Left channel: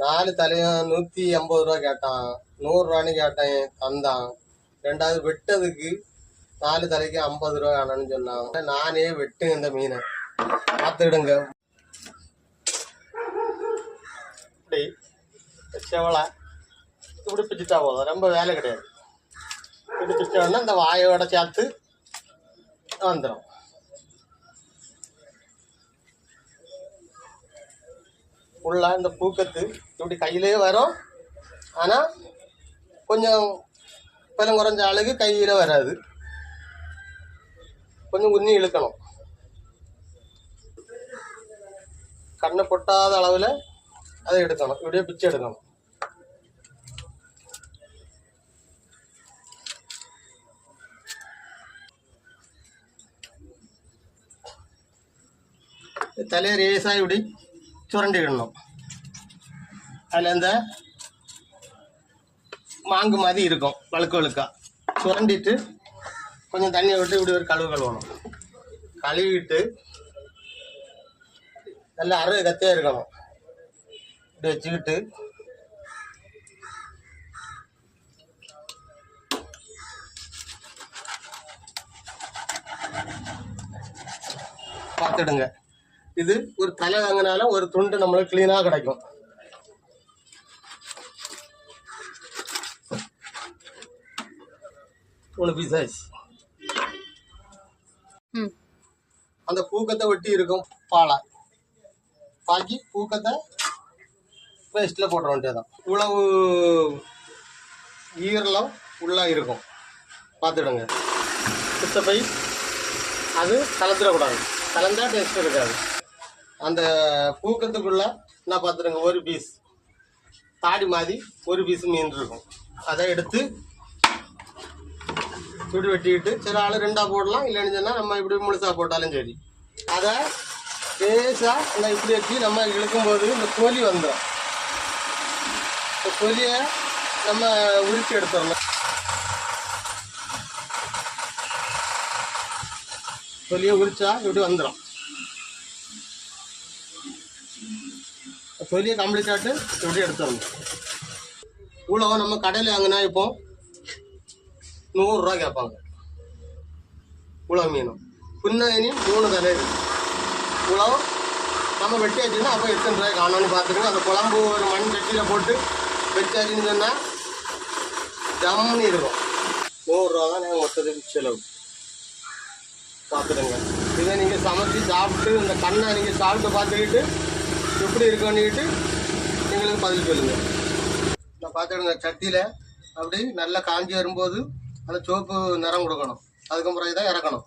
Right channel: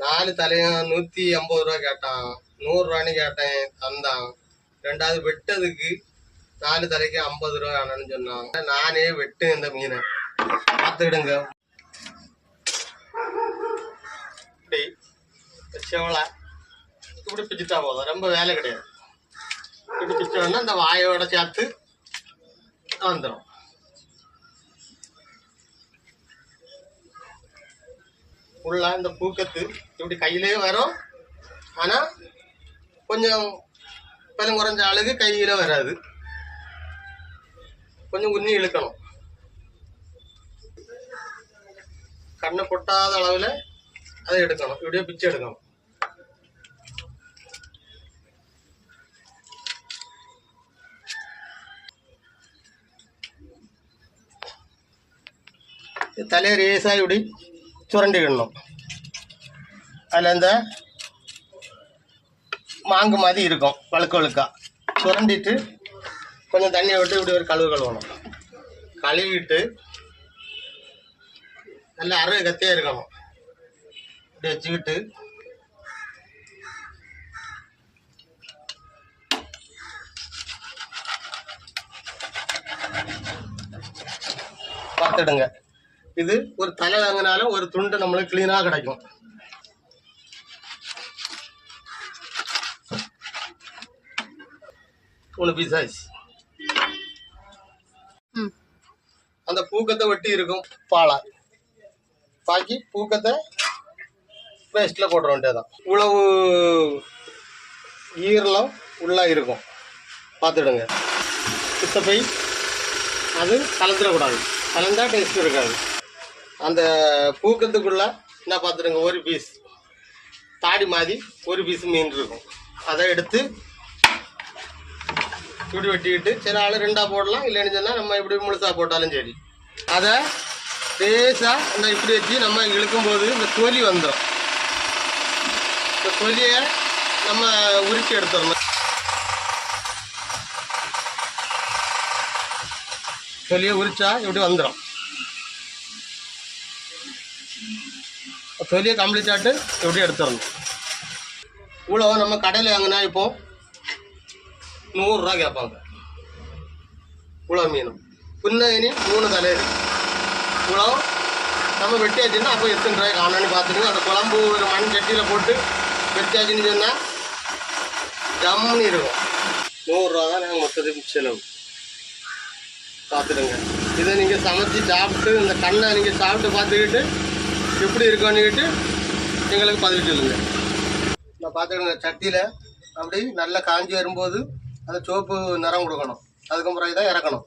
4 தலையும் 150 ரூபா கேட்டான், 100 ரூபான்னு கேட்டேன், தந்தான். ரெண்டாவது வெட்டதுக்கு 4 தலைக்கு 50 ரூபா வேணும்னு சொன்னான். நானே வெட்டு இந்த மீனை பார்த்துடுங்க. இப்படி செவலை இப்படி பிச்சுட்டா போதும், ரொம்ப வேலை கிடையாது. இப்படி பிச்சோன்னா இந்த வாயோட சேர்த்து வந்துடும். உள்ள இந்த பூக்கத்து இப்படி கையிலேயே வரும். ஆனால் கொஞ்சம் பலம் குறைஞ்ச ஆளுக்கு கையில் வராது, கொஞ்சம் குன்னி இழுக்கணும். கண்ணை கொட்டாத அளவில் அதை எடுக்கணும், இப்படியே பிச்சு எடுக்கணும். தலையை ரேஸாக இப்படி சுரண்டிக்கிடணும். அதில் இந்த மாங்கு மாதிரி இருக்கும், வழுக்க வழுக்கா சுரண்டிட்டு கொஞ்சம் தண்ணியை விட்டு இப்படி ஒரு கழுவணும். கழுவிட்டு நல்லா அறுவை கத்தியாக இருக்கணும். இப்படி வச்சுக்கிட்டு பார்த்துடுங்க. இது ஒரு தலை வாங்கினால ஒரு துண்டு நம்மளுக்கு கிளீனாக கிடைக்கும். ஒன்று பீஸ் ஆச்சு. அந்த பூக்கத்தை வெட்டி இருக்கும் பாலா பாக்கி பூக்கத்தை பேஸ்ட்டில் போட்டுற வேண்டியதான். இவ்வளவு ஈரலம் உள்ளே இருக்கும், பார்த்துடுங்க. சுத்தப்பை அது கலந்துடக்கூடாது, கலந்தா டேஸ்ட் இருக்காது. அந்த பூக்கத்துக்குள்ள என்ன பார்த்துடுங்க, ஒரு பீஸ் தாடி மாதிரி ஒரு பீஸ் மீன் இருக்கும். அதை எடுத்து இப்படி வெட்டிக்கிட்டு சரி ஆள் 2ஆ போடலாம், இல்லைன்னு சொன்னால் நம்ம இப்படி முழுசாக போட்டாலும் சரி. அதை லேசாக இந்த இப்படி வச்சு நம்ம இழுக்கும்போது இந்த தொலி வந்துடும். இந்த தொலியை நம்ம உரிச்சு எடுத்துடணும். தொலியை உரிச்சா இப்படி வந்துடும். தொலியை கம்ப்ளீட்டாட்டு இப்படி எடுத்துடணும். இவ்வளோ நம்ம கடையில் வாங்கினா இப்போ 100 ரூபா கேட்பாங்க. இவ்வளோ மீனும் புன்னகினி 3 தலை இவ்வளோ நம்ம வெட்டியாச்சுன்னா அப்போ எத்தனை ரூபாய் காணான்னு பார்த்துருங்க. அந்த குழம்பு ஒரு மண் சட்டியில் போட்டு வெட்டியாச்சுன்னு சொன்னால் ஜம்முன்னு இருக்கும். 100 ரூபா தான் நாங்கள் மொத்தத்துக்கு செலவு. பார்த்துடுங்க. இதை நீங்கள் சமைச்சு சாப்பிட்டு இந்த கண்ணை நீங்கள் சாப்பிட்டு பார்த்துக்கிட்டு எப்படி இருக்குன்னுக்கிட்டு எங்களுக்கு பதில் சொல்லுங்கள். நான் பார்த்துடுங்க. சட்டியில் அப்படி நல்லா காஞ்சி வரும்போது அந்த சோப்பு நிறம் கொடுக்கணும். அதுக்கு பிறகு தான் இறக்கணும்.